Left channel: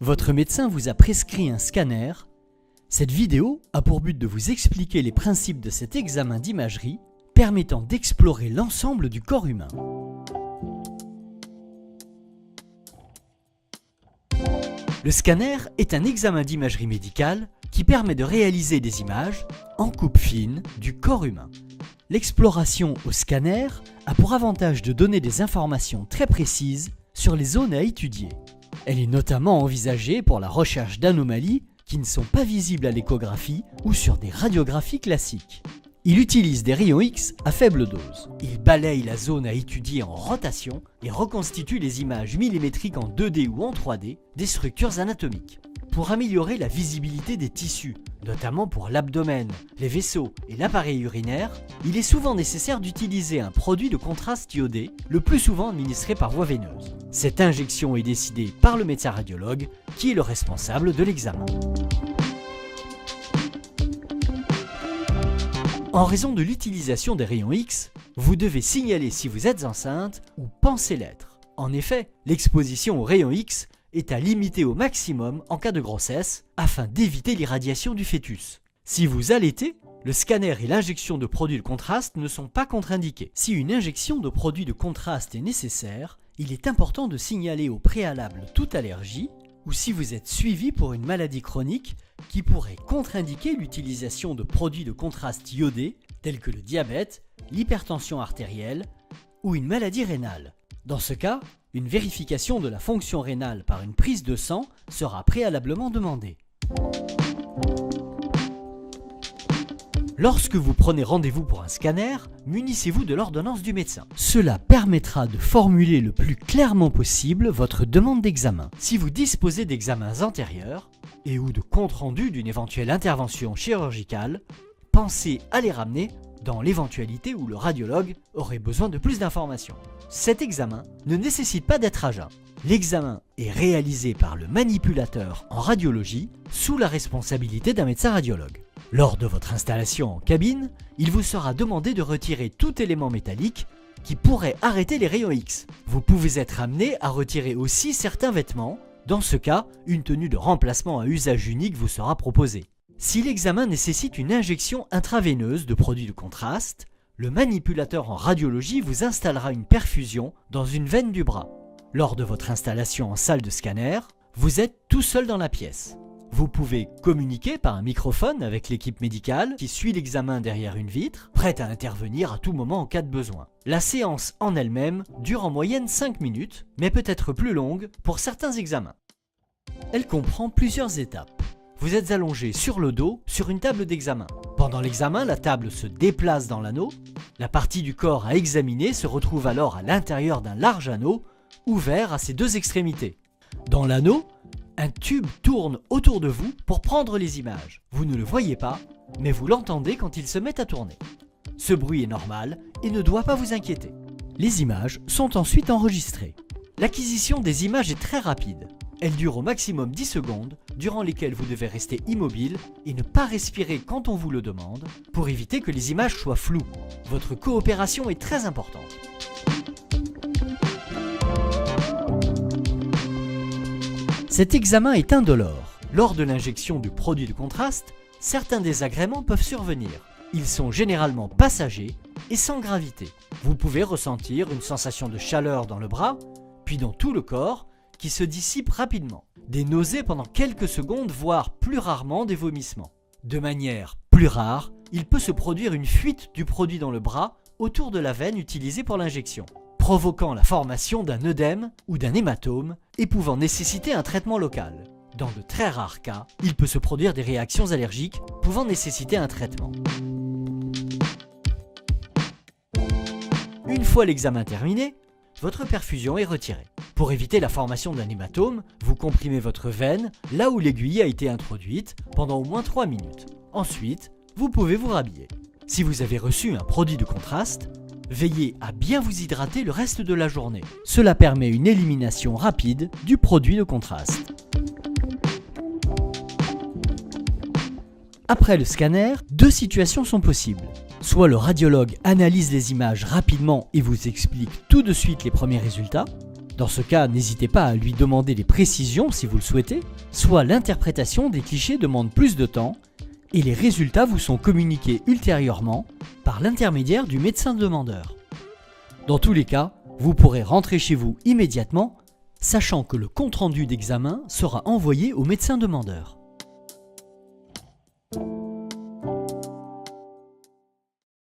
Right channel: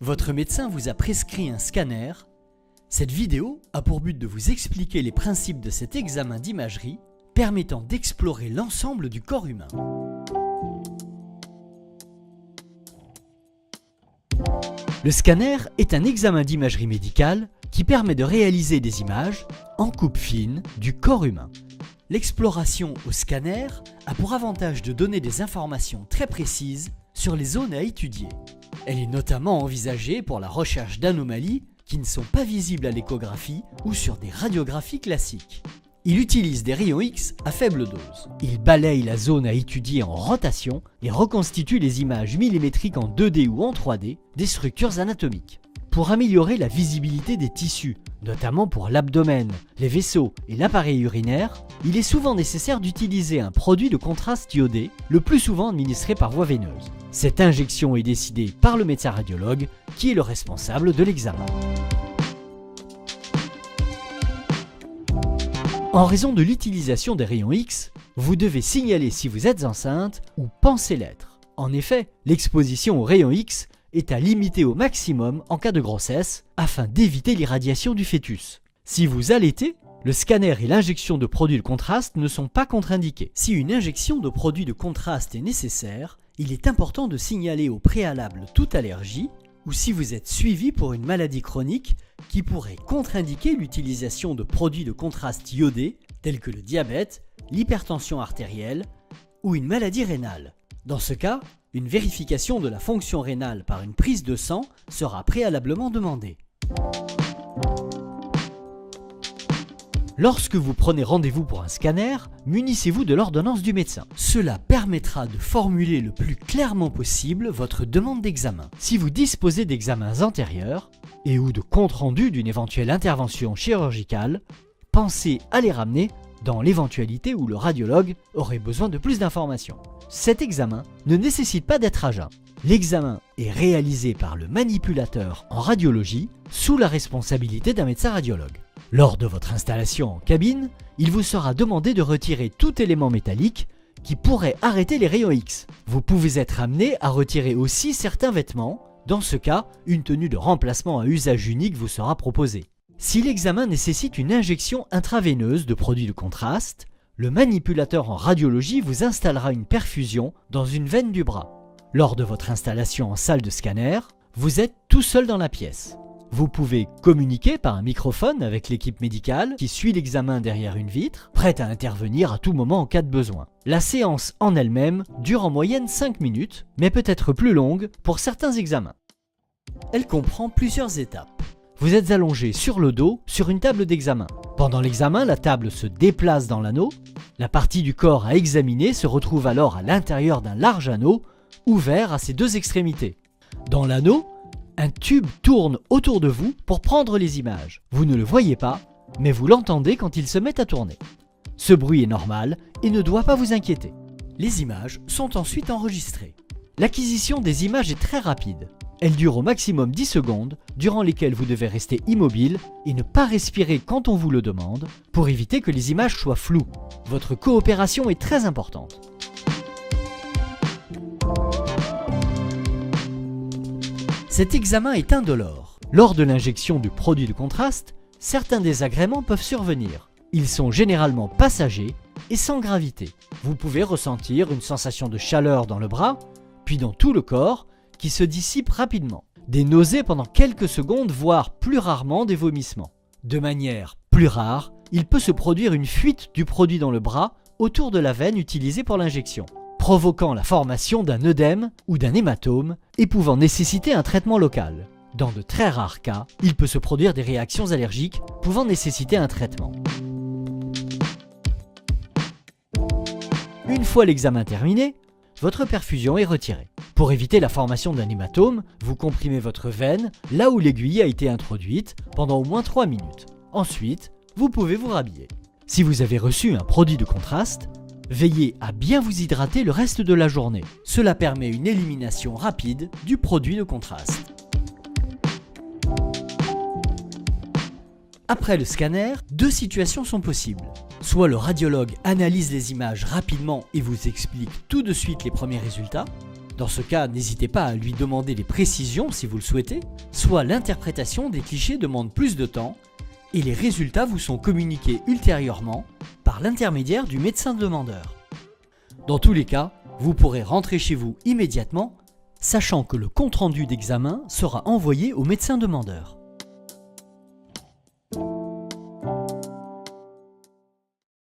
Votre médecin vous a prescrit un scanner. Cette vidéo a pour but de vous expliquer les principes de cet examen d'imagerie permettant d'explorer l'ensemble du corps humain. Le scanner est un examen d'imagerie médicale qui permet de réaliser des images en coupe fine du corps humain. L'exploration au scanner a pour avantage de donner des informations très précises sur les zones à étudier. Elle est notamment envisagée pour la recherche d'anomalies qui ne sont pas visibles à l'échographie ou sur des radiographies classiques. Il utilise des rayons X à faible dose. Il balaye la zone à étudier en rotation et reconstitue les images millimétriques en 2D ou en 3D des structures anatomiques. Pour améliorer la visibilité des tissus, notamment pour l'abdomen, les vaisseaux et l'appareil urinaire, il est souvent nécessaire d'utiliser un produit de contraste iodé, le plus souvent administré par voie veineuse. Cette injection est décidée par le médecin radiologue, qui est le responsable de l'examen. En raison de l'utilisation des rayons X, vous devez signaler si vous êtes enceinte ou pensez l'être. En effet, l'exposition aux rayons X est à limiter au maximum en cas de grossesse afin d'éviter l'irradiation du fœtus. Si vous allaitez, le scanner et l'injection de produits de contraste ne sont pas contre-indiqués. Si une injection de produits de contraste est nécessaire, il est important de signaler au préalable toute allergie ou si vous êtes suivi pour une maladie chronique qui pourrait contre-indiquer l'utilisation de produits de contraste iodés tels que le diabète, l'hypertension artérielle ou une maladie rénale. Dans ce cas, une vérification de la fonction rénale par une prise de sang sera préalablement demandée. Lorsque vous prenez rendez-vous pour un scanner, munissez-vous de l'ordonnance du médecin. Cela permettra de formuler le plus clairement possible votre demande d'examen. Si vous disposez d'examens antérieurs et ou de comptes rendus d'une éventuelle intervention chirurgicale, pensez à les ramener dans l'éventualité où le radiologue aurait besoin de plus d'informations. Cet examen ne nécessite pas d'être à jeun. L'examen est réalisé par le manipulateur en radiologie sous la responsabilité d'un médecin radiologue. Lors de votre installation en cabine, il vous sera demandé de retirer tout élément métallique qui pourrait arrêter les rayons X. Vous pouvez être amené à retirer aussi certains vêtements. Dans ce cas, une tenue de remplacement à usage unique vous sera proposée. Si l'examen nécessite une injection intraveineuse de produits de contraste, le manipulateur en radiologie vous installera une perfusion dans une veine du bras. Lors de votre installation en salle de scanner, vous êtes tout seul dans la pièce. Vous pouvez communiquer par un microphone avec l'équipe médicale qui suit l'examen derrière une vitre, prête à intervenir à tout moment en cas de besoin. La séance en elle-même dure en moyenne 5 minutes, mais peut être plus longue pour certains examens. Elle comprend plusieurs étapes. Vous êtes allongé sur le dos sur une table d'examen. Pendant l'examen, la table se déplace dans l'anneau. La partie du corps à examiner se retrouve alors à l'intérieur d'un large anneau, ouvert à ses deux extrémités. Dans l'anneau, un tube tourne autour de vous pour prendre les images. Vous ne le voyez pas, mais vous l'entendez quand il se met à tourner. Ce bruit est normal et ne doit pas vous inquiéter. Les images sont ensuite enregistrées. L'acquisition des images est très rapide. Elle dure au maximum 10 secondes, durant lesquelles vous devez rester immobile et ne pas respirer quand on vous le demande, pour éviter que les images soient floues. Votre coopération est très importante. Cet examen est indolore. Lors de l'injection du produit de contraste, certains désagréments peuvent survenir. Ils sont généralement passagers et sans gravité. Vous pouvez ressentir une sensation de chaleur dans le bras, puis dans tout le corps, qui se dissipe rapidement. Des nausées pendant quelques secondes, voire plus rarement des vomissements. De manière plus rare, il peut se produire une fuite du produit dans le bras autour de la veine utilisée pour l'injection, provoquant la formation d'un œdème ou d'un hématome et pouvant nécessiter un traitement local. Dans de très rares cas, il peut se produire des réactions allergiques pouvant nécessiter un traitement. Une fois l'examen terminé, votre perfusion est retirée. Pour éviter la formation d'un hématome, vous comprimez votre veine là où l'aiguille a été introduite pendant au moins 3 minutes. Ensuite, vous pouvez vous rhabiller. Si vous avez reçu un produit de contraste, veillez à bien vous hydrater le reste de la journée. Cela permet une élimination rapide du produit de contraste. Après le scanner, 2 situations sont possibles. Soit le radiologue analyse les images rapidement et vous explique tout de suite les premiers résultats, Dans ce cas, n'hésitez pas à lui demander des précisions si vous le souhaitez, soit l'interprétation des clichés demande plus de temps, et les résultats vous sont communiqués ultérieurement par l'intermédiaire du médecin demandeur. Dans tous les cas, vous pourrez rentrer chez vous immédiatement, sachant que le compte-rendu d'examen sera envoyé au médecin demandeur.